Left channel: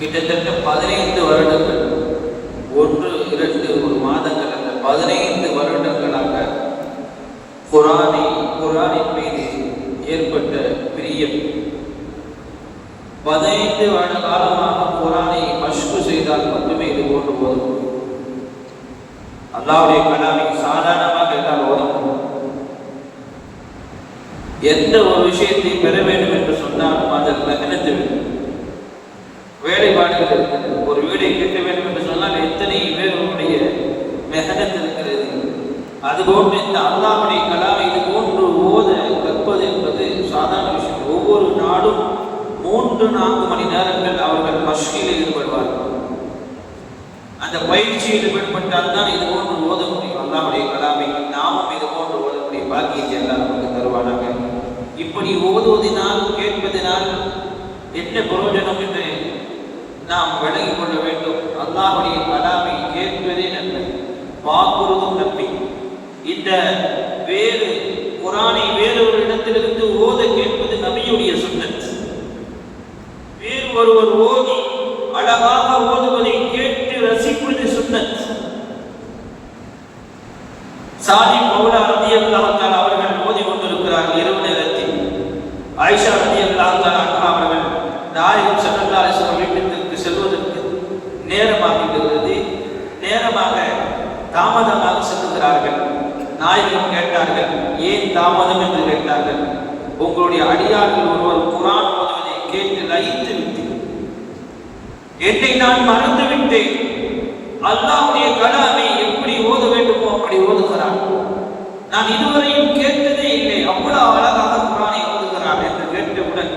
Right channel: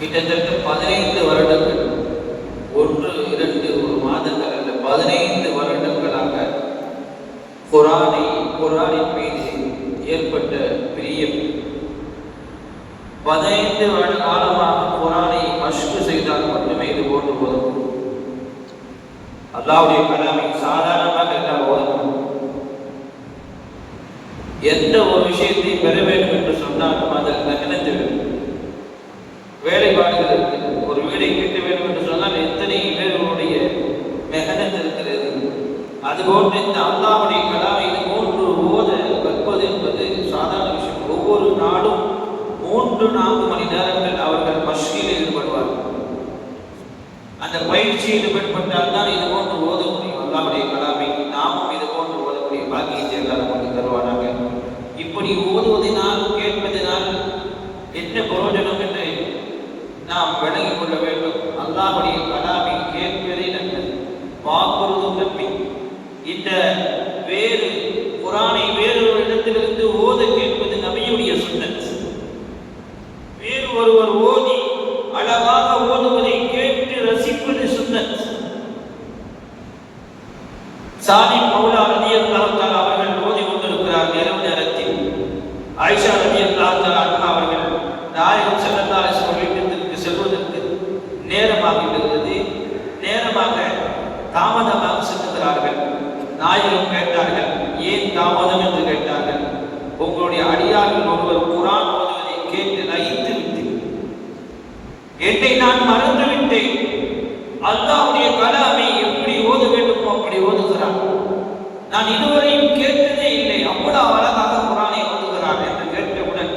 கிட்டத்தட்ட 15 வருடங்கள், 1 2 ஒரு மாதங்கள் அல்ல, 15 வருடங்களாக குர்ஆனின் மீது ஏற்பட்ட பிரியம். 15 வருட காலமாக குர்ஆனை மஷ்கு செய்தால் மட்டுமே இது போன்று போதும். அல்லாஹ்வுடைய கலாமை சாதாரணமாக எல்லாம் ஓதணும். எந்த ஒரு விஷயத்தை பெற வேண்டும் என்று சொன்னாலும் அதில் மெஹனத் வேண்டும், வேலைப்பாடுகள் இருக்கிறது. ஒரு வீடை கட்ட வேண்டும் என்று சொன்னால் எத்தனை பேர்களுடைய மெஹனத் இருக்கிறது. அதுபோன்று இந்த அல்லாஹ்வுடைய கலாமை இது போன்று ஓத கற்பது என்பது சாதாரண விஷயம். ஒவ்வொரு நாளும் 3-4 மணி நேரங்கள் அவர்கள் மஷ்கில் ஈடுபடுவார்கள். அந்த பயிற்சியில் ஈடுபட்டால் தான் இது போன்று ஓத முடியும். அல்லாஹ்வுடைய கலாமை நாமும் இது போன்று ஓதக்கூடிய பாக்கியத்தை எல்லாம் நமக்கு தருவானாக. இப்படி ஓதுவதனால் கேட்பதனால் என்ன பிரயோஜனம் என்று நாம் விளங்கிக் கொள்ள வேண்டும். அல்லாஹ்வுடைய கலாமை கேட்பதே நல்லது, வாக்குறுதும் நன்மை. இந்த வேறு குர்ஆனை வேறு ஒரு இடத்திலிருந்து ஓத கேட்பது நபியுடைய சுன்னத். வேறு ஒருவர் ஓதி அழகாக ஓதுவதை கேட்டு ரசிப்பது சுன்னத். சாதி மௌலா ரலியல்லாஹு தஆலா அவர்கள் ஓதி கொண்டிருக்கிறார் இரவு நேரத்தில். ஆயிஷா ரலியல்லாஹு தஆலா அவர்கள் நாயகம் ஸல்லல்லாஹு அலைஹி வஸல்லம் வீட்டிற்கு செல்வதற்கு நேரமாகிவிடுகிறது. நேரமாக தாமதமாக செல்கிறார்கள். நாயகம் கேட்டார்கள், ஏன் தாமதம் என்று கேட்டார்கள். உங்களுடைய அடியார்கள் ஒருவர் குர்ஆன் ஓதுவதை கேட்டு லயித்து விட்டு என்னை நான் மறந்து விட்டேன். அல்லாஹ்வுடைய கலாமை எப்படி ஓத வேண்டுமோ அப்படி ஓதுகிறார். நான் இதுவரையும் கேட்டதே இல்லை, அவ்வளவு அழகாக குர்ஆனை ஓதுகிறார் என்று கேட்டவுடன்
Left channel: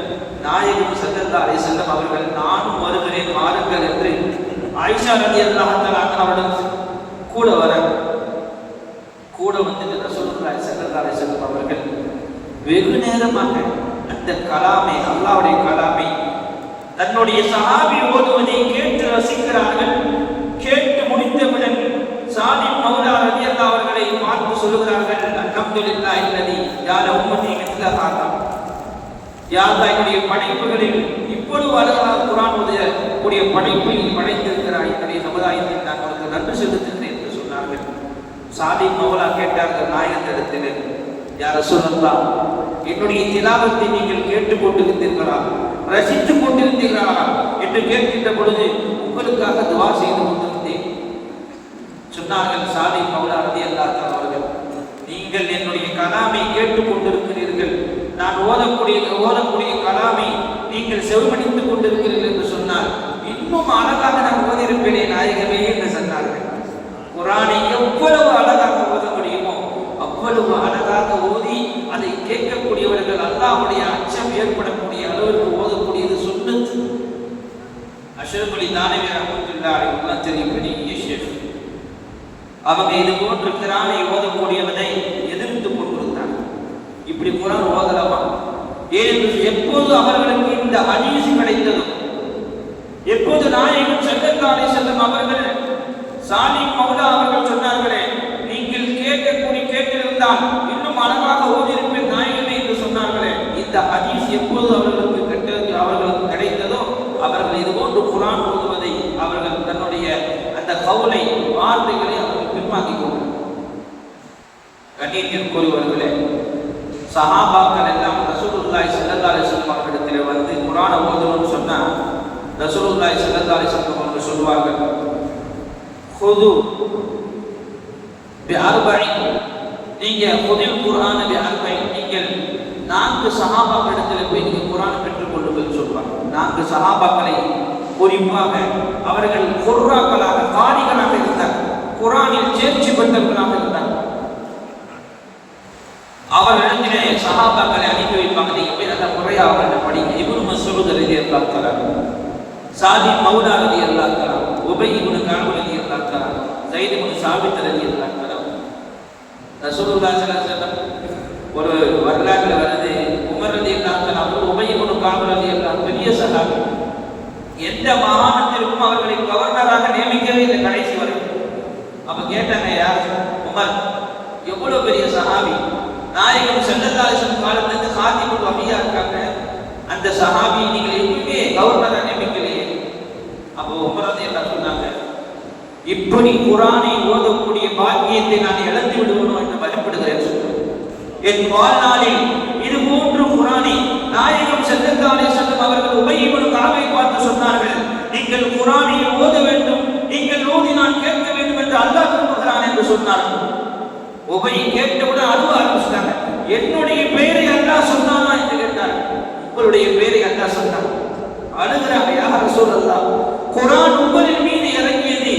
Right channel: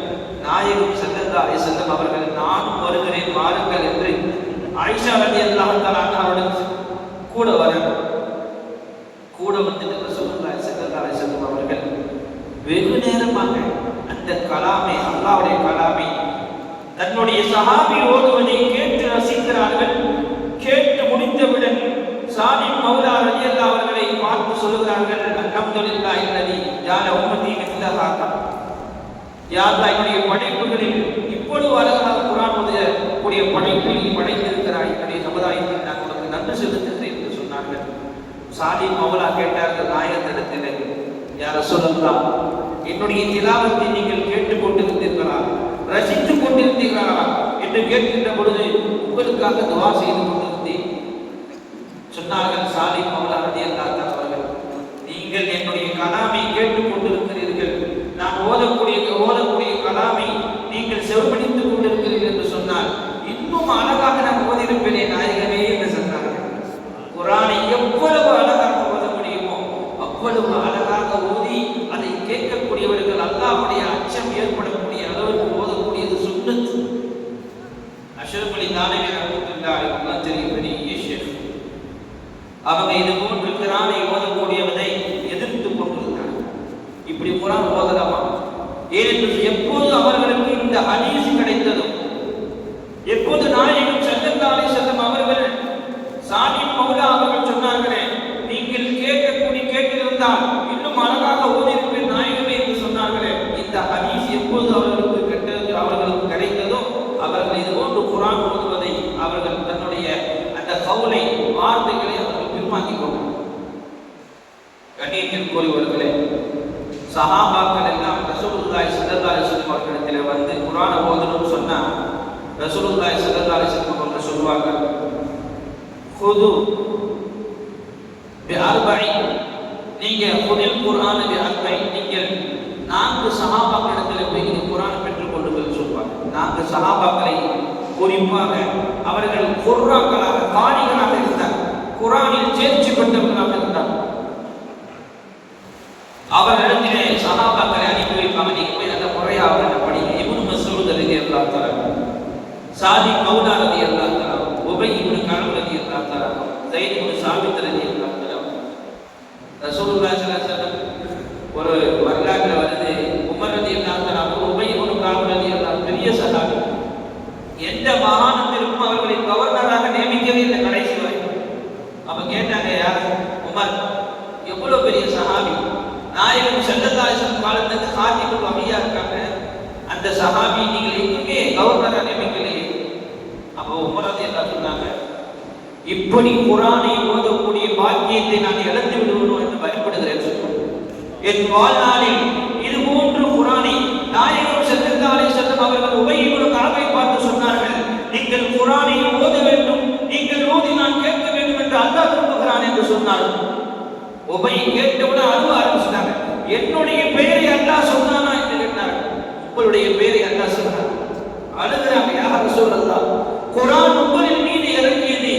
நாயகம் ஸல்லல்லாஹு அலைஹி வஸல்லம் அவர்கள் நானும் வருகிறேன் வாருங்கள் என்று ஆயிஷா ரலியல்லாஹு தஆலா அவர்கள் கூட வந்து ரசூலுல்லாஹி ஸல்லல்லாஹு அலைஹி வஸல்லம் அவர்கள் வெகு நேரமாக அந்த கலாமை அல்லாஹ்வுடைய கலாமை தன்னுடைய சஹாபி ஓதுவதை கேட்டு ரசிக்கிறார்கள். கேட்டு முடித்தவுடன் சாதிக் மௌலா ரலியல்லாஹு அவர்களை பார்த்து சொல்கிறார்கள், அல்ஹம்துலில்லாஹி அல்லதி ஜஅல உம்மதி மிஸ்ல ஹாதா. யா அல்லாஹ், என்னுடைய படைப்புகளில் இப்பொழுது அழகாக குர்ஆன் ஓதக்கூடிய படைப்பை படைத்திருக்கிறாய். என்னுடைய சமுதாயத்தில் நான் உனக்கு நன்றி செலுத்துகிறேன் என்று சொன்னார்கள். சாதிக் மௌலா கேட்டார்கள் நாயகத்திடத்தில், யா ரசூலுல்லாஹ், என்னுடைய திலாவத்தை நீங்கள் கேட்டுக் கொண்டிருந்தீர்களா, ரசித்துக் கொண்டிருந்தீர்களா என்று கேட்கின்ற பொழுது உங்களுக்காக துஆ செய்து கொண்டிருந்தேன் சொன்னார்கள். சாதிக் மௌலா ரலியல்லாஹு தஆலா அவர்கள், நீங்கள் என்னுடைய கலாமை கேட்டுக் கொண்டிருக்கிறீர்கள், நான் ஓதக்கூடிய கலாமை நீங்கள் செவிமடித்துக் கொண்டிருக்கிறீர்கள் என்று சொன்னால் இன்னும் அழகாக நான் ஓதியிருப்பேன் நாயகமே என்று சொன்னார்கள். குர்ஆனை எவ்வளவு அழகாக ஓத முடியுமோ அவ்வளவு அழகாக ஓதி அதை கேட்கக்கூடியவர்கள் அல்லாஹ்வுடைய அச்சம் ஏற்படக்கூடிய அளவிற்கு ஓதக்கூடியது சுன்னத். அஷ்ரஃப் அலி தானவி ரஹ்மத்துல்லாஹி அலைஹி ஷேக் அவங்க இது போன்று குர்ஆனை ஓதக்கூடியவனை எதிர்த்து கொண்டிருந்தார். இப்படி குர்ஆன் ஓதலாமா? ஏனென்று எப்போது அவர்களுக்கு இந்த ஹதீஸ் கிடைத்ததோ, எப்போது நாயகம் ஸல்லல்லாஹு அலைஹி வஸல்லம் அவர்கள் சாலிஹ் மௌலா அவர்கள் சொன்னார்களே, நீங்கள் கேட்டிருந்தால் இன்னும் அழகாக ஓதியிருப்பேன் நாயகமே என்று சொன்னார்களே, இந்த ஹதீஸ் எப்போது அவர்களுக்கு கிடைத்ததோ அவர்கள் இதுபோன்று குர்ஆன் ஓதுவதை அவர்கள் தன்னுடைய அந்த கவுலை வார்த்தைகளை அவர்கள் பின்வாங்கிக் கொண்டார். கண்ணியத்திற்குரியவர்களே, சஹாபாக்கள் எல்லாம் ரசூலுல்லாஹி ஸல்லல்லாஹு அலைஹி வஸல்லம் அவர்களிடத்தில் வந்து குர்ஆனை ஓதணும்னு சொன்னா ரசூலுல்லாஹி ஸல்லல்லாஹு அலைஹி வஸல்லம் அவர்கள் சொல்வார்கள், ஹுது பிஅர்பஇன், நீங்க ஹுதுல் குர்ஆன பிஅர்பஇன், நீங்கள் 4 சஹாபாக்களிடத்தில் போய் நீங்க குர்ஆனை பெற்றுக் கொண்டு போய் சொல்வாங்க. 4 சஹாபாக்களை குறிப்பாக அவர்கள் குர்ஆக்களாக காரிகளாக இருந்தார், குர்ஆனில் தேர்ச்சி பெற்றவர்களாக இருந்தார். அவர்களிடத்திலே சஹாபாக்களை அனுப்பி வைப்பாங்க, நீங்க போய் அந்த முறையாக படிங்க. இப்னு மஸ்ஊத் ரலியல்லாஹு தஆலா, சாதிக் மௌலா ரலியல்லாஹு தஆலா, உபய் இப்னு கஅப் ரலியல்லாஹு தஆலா, ஸைத் இப்னு சாபித் ரலியல்லாஹு தஆலா. ரசூலுல்லாஹி ஸல்லல்லாஹு அலைஹி வஸல்லம் ஒரு வரலாறு வருது, உமர் ரலியல்லாஹு தஆலா அவர் உபய் இப்னு கஅப் ரலியல்லாஹு பெரிய சஹாபி, எந்த மாகாணத்திற்கும் அவர்களை கவர்னராக நியமிக்கவே இல்லை கடைசி வரை. அப்ப கேட்டாங்க, யார் உமர், எவ்வளவு பெரிய சஹாபி, நாயகம் ஸல்லல்லாஹு அலைஹி வஸல்லம் காலத்துல காத்திபுல் வஹியா இருக்காங்க, அந்த சஹாபி நீங்கள் எதுவுமே கவர்னராக நியமிக்கலையே. இப்படி குர்ஆனை ஓதக்கூடிய பாக்கியத்தை நான் இழந்து விடுவேன் என்று பயப்படுகிறேன். என் வாழ்நாளில் இது போன்று குர்ஆனை நாயகம் ஸல்லல்லாஹு அலைஹி வஸல்லம் அவர்கள் உபய் இப்னு கஅபை பார்த்து சொன்னார்கள், நீங்கள் குர்ஆனை ஓத வேண்டும், நீங்கள் ஓதி நான் கேட்க வேண்டும் என்று அல்லாஹ் விரும்புகிறான் என்று சொன்னார்கள். உபய் கேட்டவுடன் அழுவ ஆரம்பிச்சாங்க. என்னுடைய பெயரை அல்லாஹ் சொன்னானா என்று கேட்டார்கள். உங்களுடைய பெயரை அல்லாஹ் சொன்னான். அழுகிறாங்க. யா ரசூலல்லாஹ், குர்ஆன் உங்களின் மீது இறங்கியது,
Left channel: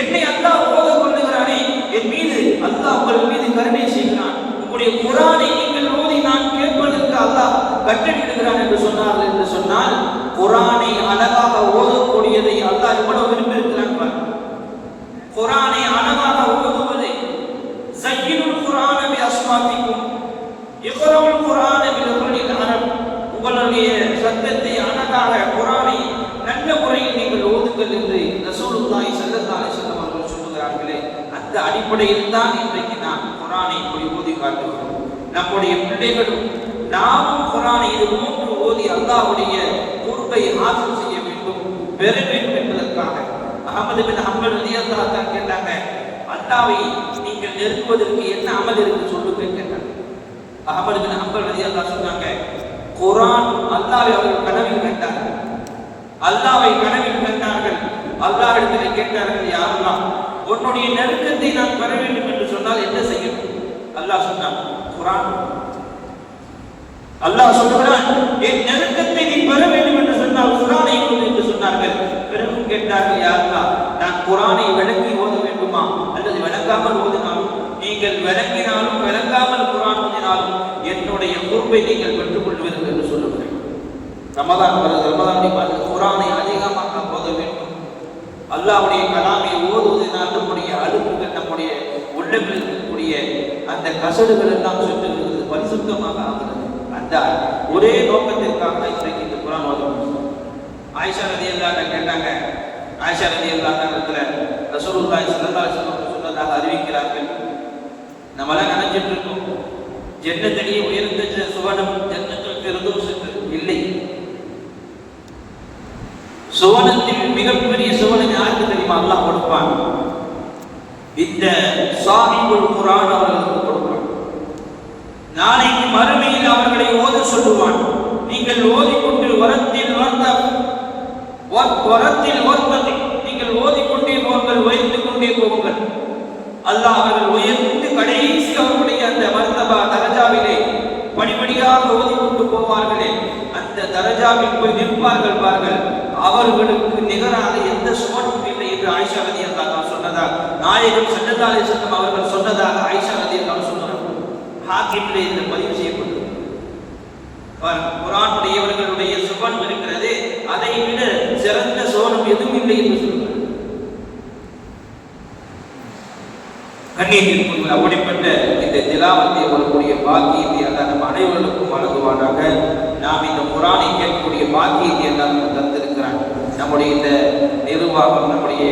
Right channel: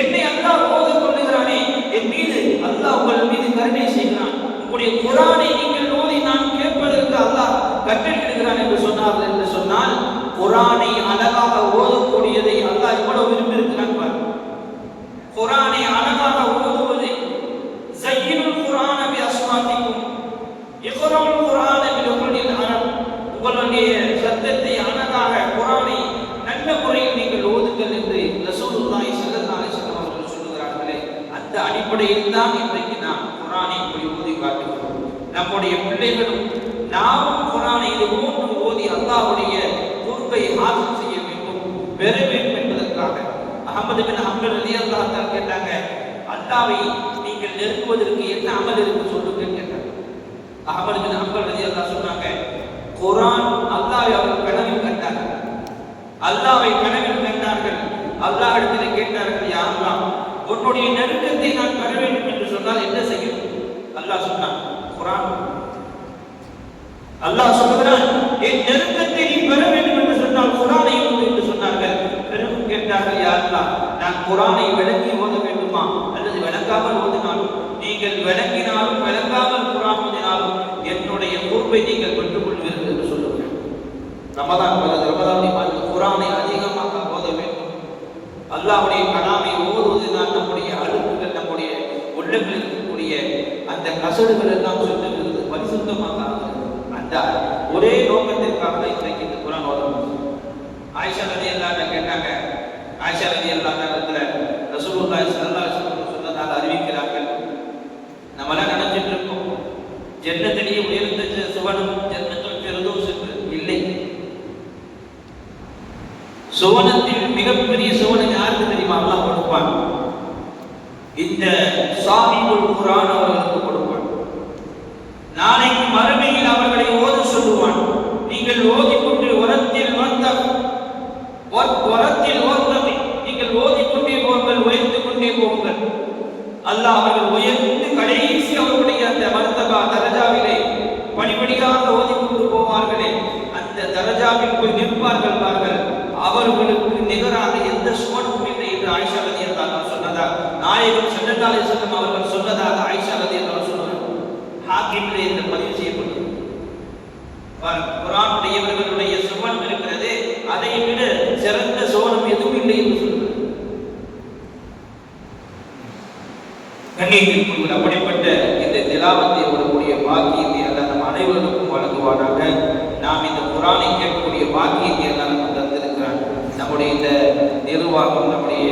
என்னை அல்லாஹ் ஓத கொள்ளுகிறானே, என் மீது அல்லாஹ் உங்கள் மீது கருணை செய்கிறான். உங்களுடைய குர்ஆனை நீங்கள் ஓதி நான் கேட்பதற்கு அல்லாஹ் கட்டளையிடுகிறான் என்று சொன்னார்கள். என்று சொன்னால் குர்ஆனை அழகாக ஓதக்கூடியதை அல்லாஹ் எவ்வளவு விரும்புகிறான் பாருங்கள். குர்ஆனை அழகாக ஓதுவதை ஸய்யினுல் குர்ஆன பி அஸ்மாதிக்கும் இக்ராஉல் குர்ஆன பி லுஹுலில் அரப், உங்களுடைய சத்தத்தை அழகாக குர்ஆனை நல்ல முறையில் நீங்கள் ஓதுங்கள் என்று ரசூலுல்லாஹி ஸல்லல்லாஹு அலைஹி வஸல்லம் அவர்கள் சொல்லுகிறார்களே, அந்த அடிப்படையில் தான் இன்றைக்கு நாம் குர்ஆனை ஓதி காட்டுகிறோம். நம்முடைய பிள்ளைகளும் நாமும் குர்ஆனை இது போன்று ஓதி அல்லாஹ்வுடைய குர்பை ஹாசில் செய்ய வேண்டும், பெற வேண்டும் என்பதற்காக அஹ்மது பின் ஹம்பல் ரலியல்லாஹு அன்ஹு கேட்டாங்க, அல்லாஹ்வை நீங்கள் நெருங்குவதற்கு என்ன அமல் என்று சொல்லுங்க கேட்டாங்க. அஹ்மது பின் ஹம்பல் ரலியல்லாஹு சொன்னாங்க, குர்ஆன் அல்லாஹ்வை அவர்கள் கனவில் கண்டார்கள். அல்லாஹ்வை கனவில் கண்டார்கள். அல்லாஹ்விடத்தில் கேட்டார்கள், யா அல்லாஹ், உன்னுடைய நெருக்கத்தை நான் பெற வேண்டும் என்று சொன்னால் என்ன செய்யும்? அல்லாஹ் சொன்னான், குர்ஆன். அல்லாஹ் சொல்கிறான், என் நெருக்கத்தை நீ பெற வேண்டும் என்று சொன்னால் குர்ஆனை ஓது என்று சொன்னார்கள். பிறகு கேட்டார்கள், யா அல்லாஹ், நான் குர்ஆனை விளங்கி ஓத வேண்டுமா அல்லது விளங்காமல் ஓதினாலும்? நீங்கள் விளங்கினாலும் விளங்காமல் குர்ஆன் ஓதினாலும் என்னுடைய பொறுப்பை நீங்கள் பெற்றுக் கொள்வீர்கள் என்று சொல்லுங்கள். ரமதானை பார்த்து குர்ஆனை அதிகமாக ஓத வேண்டும். அல்லாஹ்வுடைய கலாமை ஓதுவதனால் நம்முடைய அழுக்குகள், நம்முடைய உள்ளங்களில் இருக்கக்கூடிய அந்த கசடுகள் எல்லாம் சொல்லுகிறது, பரிசுத்தமாக ஆகிறது. அந்த ஒரே நோக்கத்திற்காக இன்றைக்கு இந்த குர்ஆன் ஓதணும். ஆயிஷா ரலியல்லாஹு அன்ஹா கேட்டாங்க. ஆயிஷா ரலியல்லாஹு அன்ஹா ரசூலுல்லாஹி ஸல்லல்லாஹு அலைஹி வஸல்லம் சொன்னதாக அறிவிக்கிறார்கள். நம்மளாம் நினைச்சிட்டு இருக்கோம் ஜன்னத்திலே உயர்ந்த சுவனம் ஜன்னத்துல் ஃபிர்தௌஸ் இல்லை. சுவனத்தில் மிகப்பெரிய சுவனம் யாருக்கு தெரியுமா? அல்லாஹ் கொடுப்பான். இந்த சாஹிபுல் குர்ஆன் அவர்களுக்கு கொடுப்பான். நாளைக்கு மறுமையில் அவர்களை ஓத சொல்லுவான். நீங்கள் ஓதிக்கொண்டு வரத்தில் ஓதுவதை நீங்கள் ஓதிக்கொண்டே போங்கள், உயர்ந்து கொண்டே போங்கள். அல்லாஹ் அவர்கள் உயர்ந்து கடைசி அவருடைய அந்த மர்தபா தரஜாவிலே படிப்படியாக ஓதிக்கொண்டு போவார்களே, அந்த தரஜாவில் போய் நிற்பார்கள் பார்கள். அவர்களுக்கு நிகராக எந்த சுவனமும் இல்லை என்று ஆயிஷா ரலியல்லாஹு அன்ஹா சொன்னதாக நாயகம் ஸல்லல்லாஹு அலைஹி வஸல்லம் அவர்கள் சொன்னதாக ஆயிஷா ரலியல்லாஹு அன்ஹா சொன்னார்கள். ஹாக்கிமிலே இந்த பதிவு செய்யப்பட்டது. குர்ஆனுடையவர்களுடைய சுவனம் இருக்கிறது, அதை விட சிறந்த சுவனம் எதுவும் இல்லை என்று சொல்லுவார். கண்ணியத்திற்குரிய அப்படிப்பட்ட இந்த திலாவத்தை வரக்கூடிய பாக்கியத்தை அல்லாஹ் நம் அனைவருக்கும் வழங்குவாராக. நாம் இந்த குர்ஆனை கேட்கக்கூடிய பாக்கியத்தை அல்லாஹ் நமக்கு தந்திருக்கிறார். நம்முடைய இந்த நிர்வாகம், நம்முடைய